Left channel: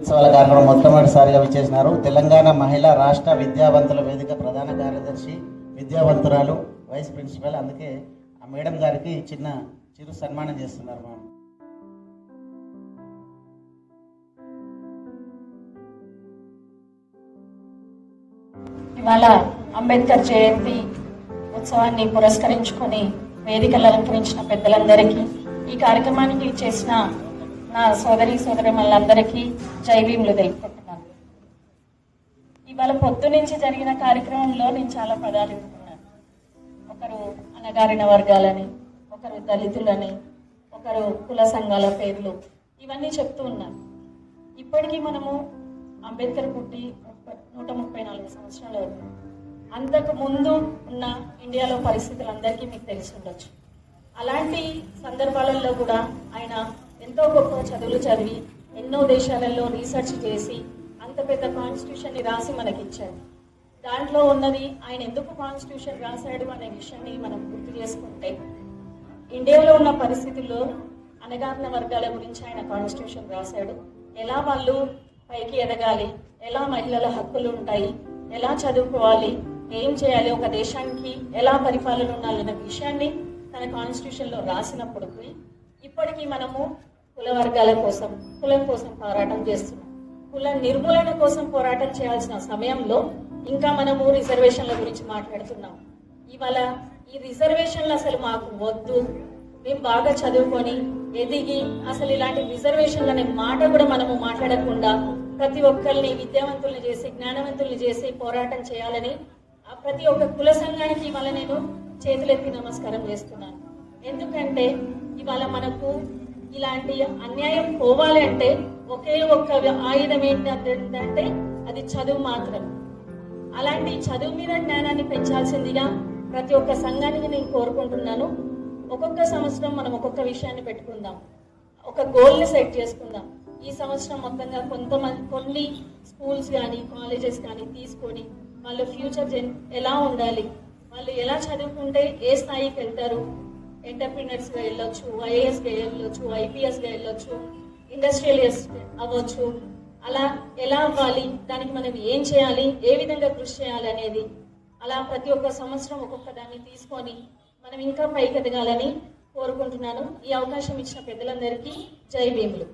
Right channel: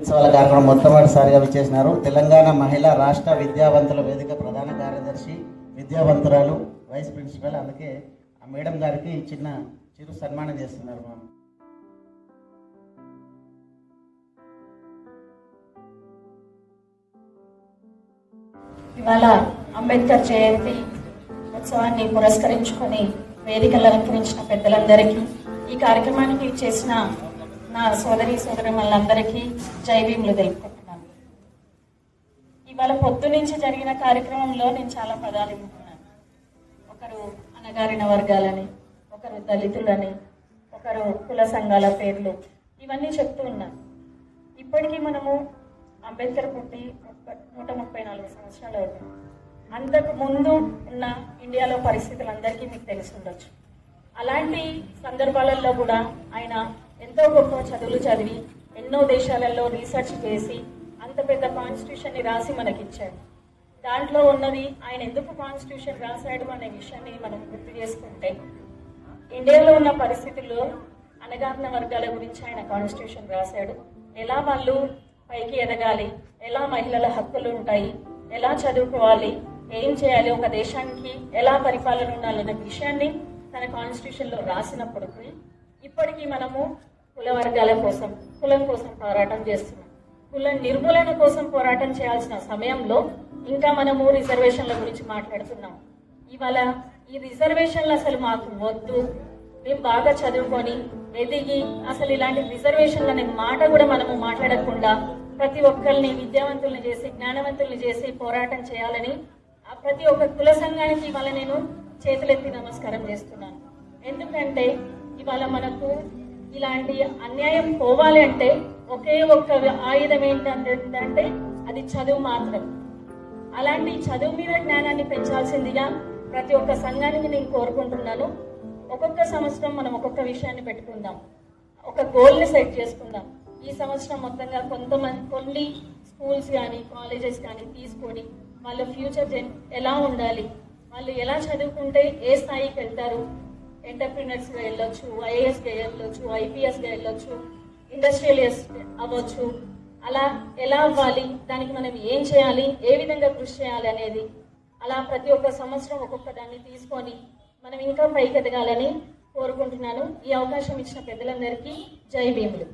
ఉత్సవాల కార్యక్రమం మొట్టమొదటిసారిగా విచ్చేసినారు. తెలంగాణ మహిళా రాష్ట్ర విద్యావంతుల వేదిక ప్రధాన కార్యదర్శి, విద్యావంతురాలు, వైస్ ప్రిన్సిపల్. అందుకే ఆ మేడం గారికి చిరు సన్మానం చేస్తున్నారు. మనం ఇవాళ అంబేద్కర్ జయంతి ఉత్సవాన్ని పురస్కరించుకొని వేదికలు అలంకరించిన పెద్దలందరికీ, ఈ కార్యక్రమానికి చేసిన నా సోదరులందరికీ జై భీములు తెలుపుకుంటున్నాను. ఇవాళ పొద్దు నుంచి జరిగిన కార్యక్రమంలో నేను చాలా పదాలు వింటున్నాను. ఒకరు అణగారిన వర్గాలని, ఒకరు దళితులని, ఒకరు కుల సంఘాల పేర్లు, ఇవన్నీ చెప్తూ ఉన్నారు. ఇప్పటికీ మనము అంబేద్కర్ పుట్టి 134 సంవత్సరాలు అవుతుంది. అంతకు ముందు ఉన్న ఇండియాలో పరిస్థితులు అందరికీ మీకు తెలిసి ఉండొచ్చు. అలాంటి సందర్భాలలో కూడా ఆయన ఎంతో గొప్ప చదువులు చదివి ఎన్నో దేశాలలో రీసెర్చ్ చేసి అంత పెద్ద కాన్స్టిట్యూషన్ని రాసి మనకిచ్చాడు. దాంట్లో ఉన్నది ఆయన ఎందుకు కాన్స్టిట్యూషన్ రాశాడు అనే విషయాన్ని మనం గుర్తు చేసుకుంటే, ఇండియాలో ఉన్న పరిస్థితుల్లో అణగారిన వర్గాల గురించి ఆయన కాన్స్టిట్యూషన్ రాశాడు. ఎలా వాళ్ళు పైకి ఎదగాలి, ఎలా మహిళల హక్కులు ఉంటాయి, ఎలా చదువుకోవాలి, ఏం చేయాలి, ఒక దేశానికి ఎలా పరిపాలన ఉండాలనే విషయాన్ని తన కాన్స్టిట్యూషన్లో రాసినప్పటికీ ఇప్పటికీ మనము కుల వర్గాల కోసం, కులం కోసం పోరాటం చేస్తున్నాం. కుల నిర్మూలన కోసం పోరాటం చేయాల్సిన సమయంలో ఇంకా మనము రిజర్వేషన్ల గురించి మాట్లాడుతున్నాం. ఇవాళ ఈ రిజర్వేషన్లు అసలు మాకు వద్దు, మేము బాగా చదువుకొని ఎదిగి అసలు ఇలాంటి రిజర్వేషన్లు అనే మాట కూడా మనము మాట్లాడకుండా ప్రతి ఒక్కరిని విద్యావంతుల్ని చేసి, జ్ఞానవంతుల్ని చేసి పోరాటం చేయాలని ప్రతి ఒక్క కుల సంఘానికి ఇవాళ నేను చేతులెత్తి నమస్కారం చేస్తున్నాను. ఎందుకంటే ఇవాళ మనకు ఇలాంటి అన్యాయం పోవాలి అంటే ఒకే ఒక్క ఆయుధం ఏంటంటే అది చదువు మాత్రం. అలాంటి చదువు మీద జ్ఞానాన్ని పెంచాల్సిందిగా ప్రతి ఒక్క సంఘానికి నేను కోరుకుంటున్నాను. ఒక్కొక్క సంవత్సరం మనం ఒక్కొక్క విషయాన్ని పెట్టుకుందాం, ఒక గోల్ని సెట్ చేసుకుందాం. ఈ సంవత్సరం మొత్తంగా కొన్ని స్కూల్స్ కానీ కాలేజెస్ కానీ తీసుకొని వాళ్ళ ఫ్యూచర్ ఎలా ఉండాలి, వాళ్ళు ఎలా చదువుకుంటే ఏ స్థాయికి వెళ్తారు, ఎంటర్ప్రినర్స్గా వెళ్ళొచ్చు, ఐఏఎస్గా వెళ్ళొచ్చు, ఐపీఎస్గా వెళ్ళొచ్చు, ఇండస్ట్రియలిస్ట్ అవ్వచ్చు, అలా ఎలా అవ్వాలి, దానికి మనం ఏం చేయాలి, ఏ విధంగా కృషి చేయాలి అనేది అలా ప్రతి ఒక్క సంవత్సరం ఒక్కొక్క దాన్ని తీసుకొని మనం ఇంకా పైకి ఎదగాలని కోరుకుంటున్నాను. ఈ అవకాశం ఇచ్చిన పెద్దలందరికీ జై భీములు.